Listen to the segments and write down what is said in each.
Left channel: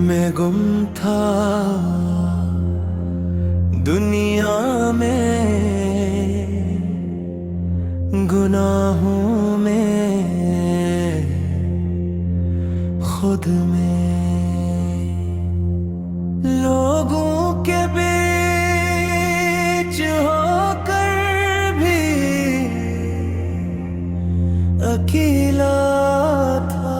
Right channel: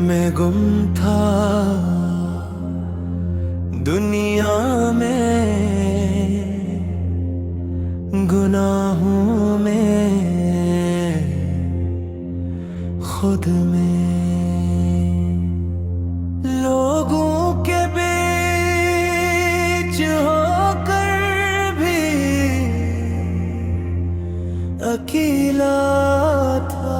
मैं गुम था दुनिया में, गुनाहों में, खुद में, लोगों के बीच होकर भी अकेला था।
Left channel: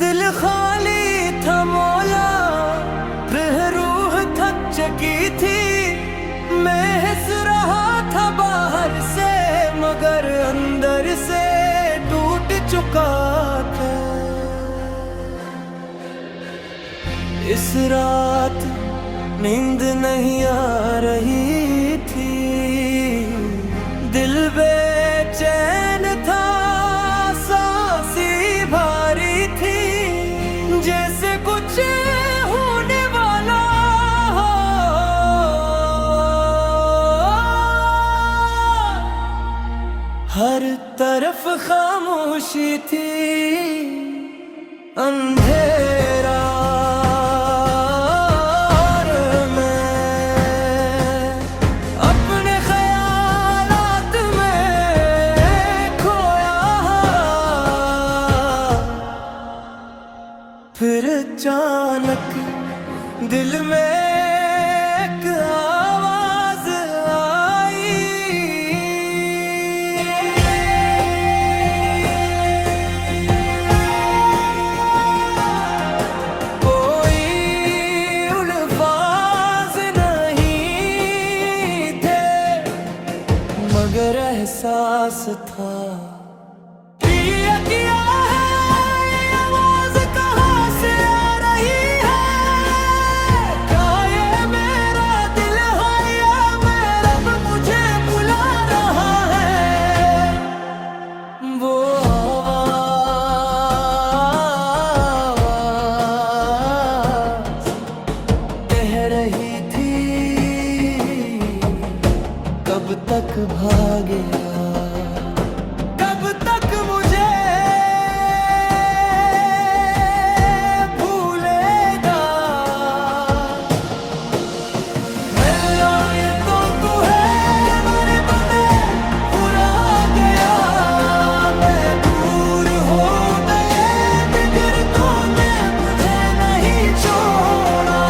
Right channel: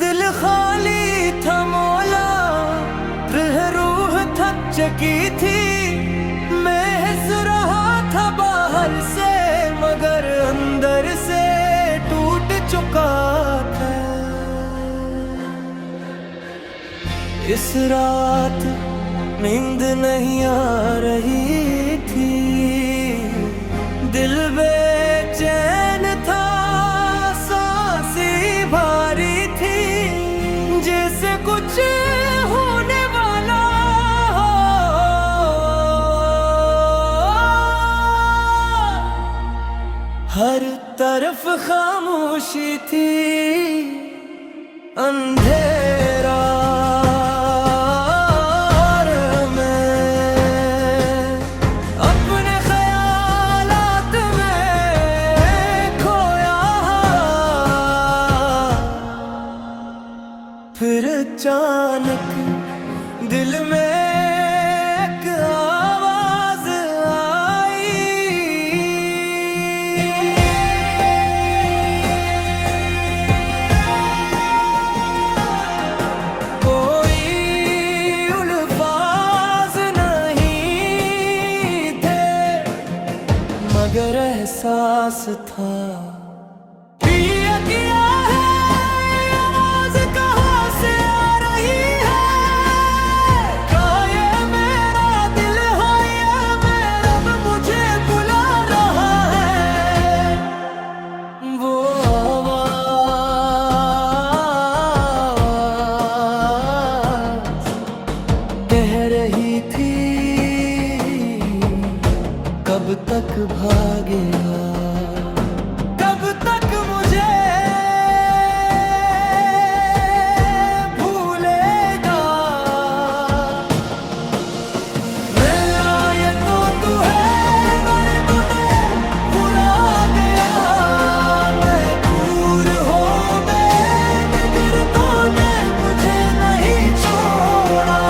दिल खाली था मौला, रूह थक चुकी थी। मैं हंस रहा था बाहर से, मगर अंदर से टूट चुका था। इस रात नींद नहीं आ रही थी, दिल बेचैन था, सांसें भारी थी, जैसे कुछ होने वाला हो। हर तरफ खामोशी थी, अंधेरा, और मैं अपने ख्यालात में खोया। फिर अचानक दिल में एक आवाज आई, कोई अल्फाज नहीं थे, मगर एहसास था। किया किया रही थी, कब तक भागेगा, कब तक मुझे भूलेगा। मिलना ये तो तू है, मरे तो दे बुरा गया। मैं दूर हो गए मगर तूने मुझे नहीं छोड़ा।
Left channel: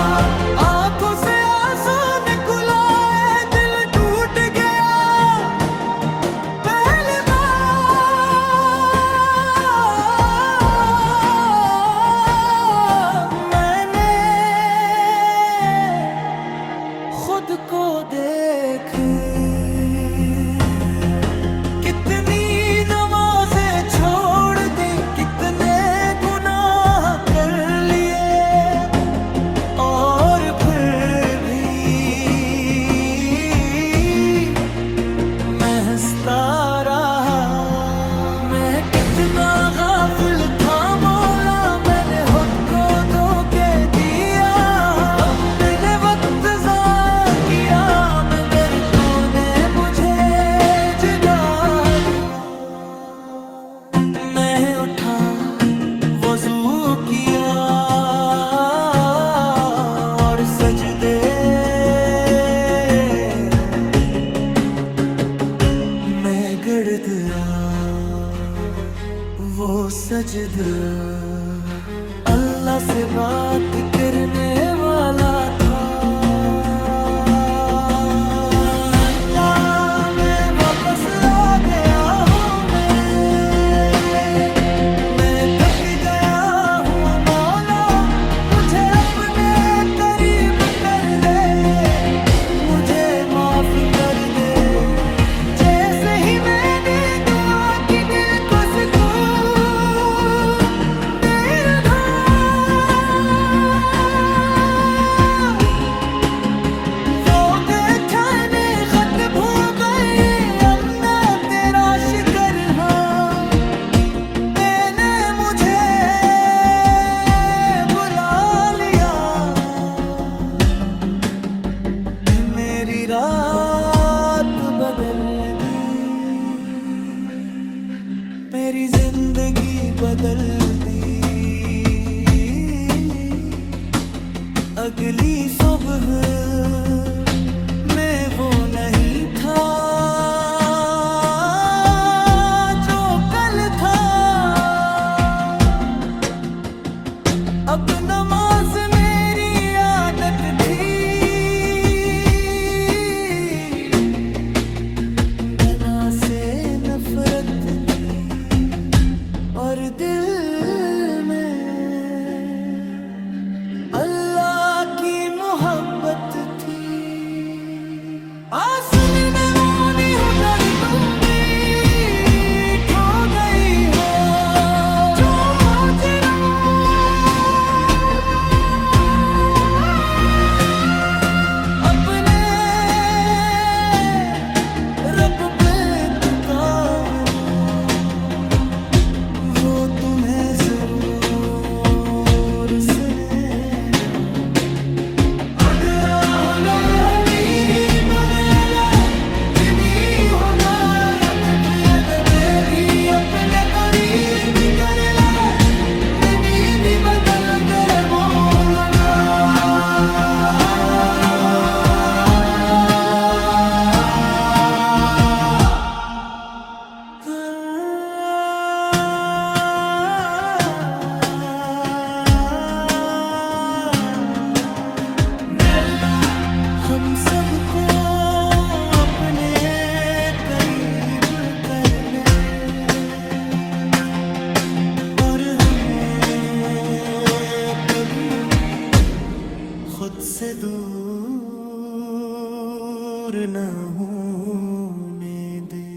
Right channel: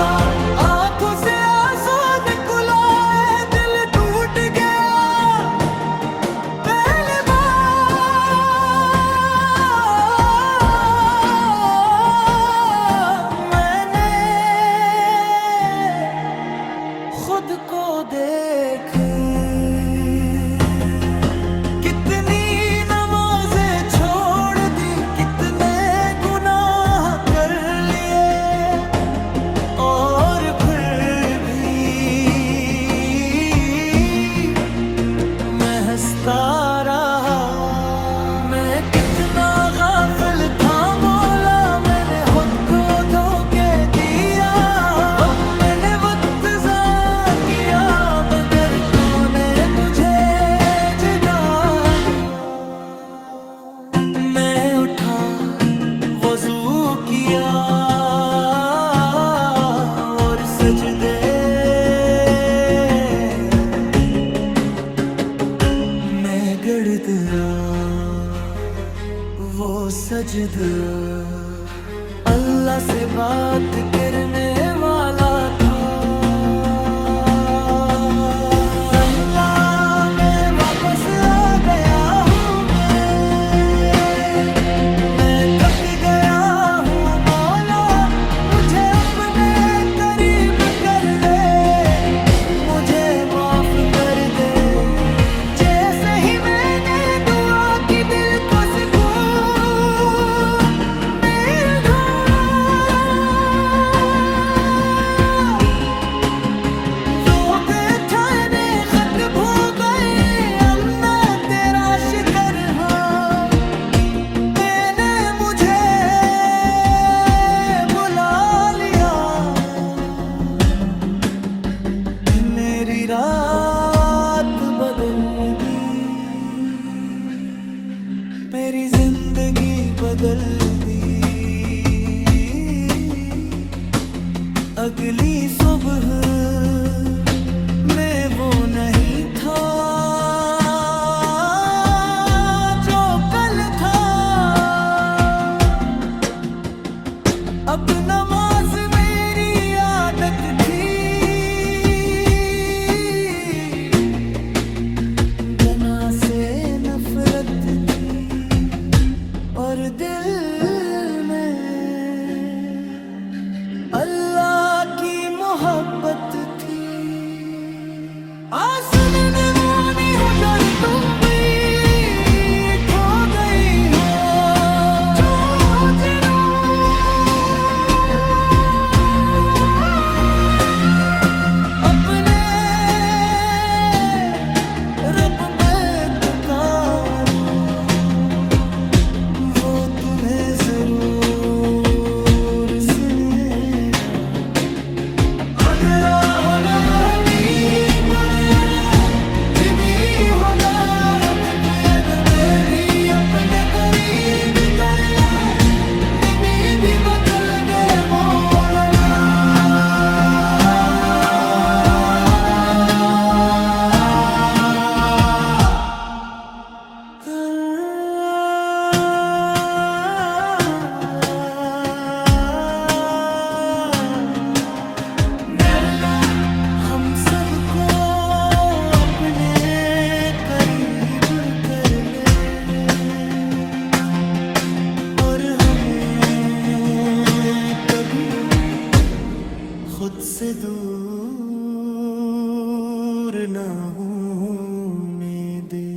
खुद को देख, कितनी नमाज़ें छोड़ दी, कितने गुनाह कर लिए, और फिर भी मैं हंसता रहा। मैं कितना गाफिल था मौला, मैंने खुद को धोखे दिया। मैंने वक्त मगर तूने मुझे जगा दिया। मैं उठा, वज़ू किया, और सजदे मैं गड़ दिया। वो सजदा अल्लाह से बात करने वाला था। कर दे जैसे ही मैंने दुआ की, दिल को सुकून मिल गया। मेरी जिंदगी बदल दी। अगली सुबह मैं वो नहीं था जो कल था। अब नमाज मेरी आदत थी, गना से नफरत थी और दिल में अल्लाह की मोहब्बत थी। आसन में वानी हो कर तुम भी खो गई हो, जो जरा अपने रब पे पुकारूं, वो तुम्हें जरूर सुनेगा। अपने करीब कर ले, नबी भी बदल दे मौला। हम सबको अपने करीब कर ले और हमें कभी खुद से दूर न होने दे।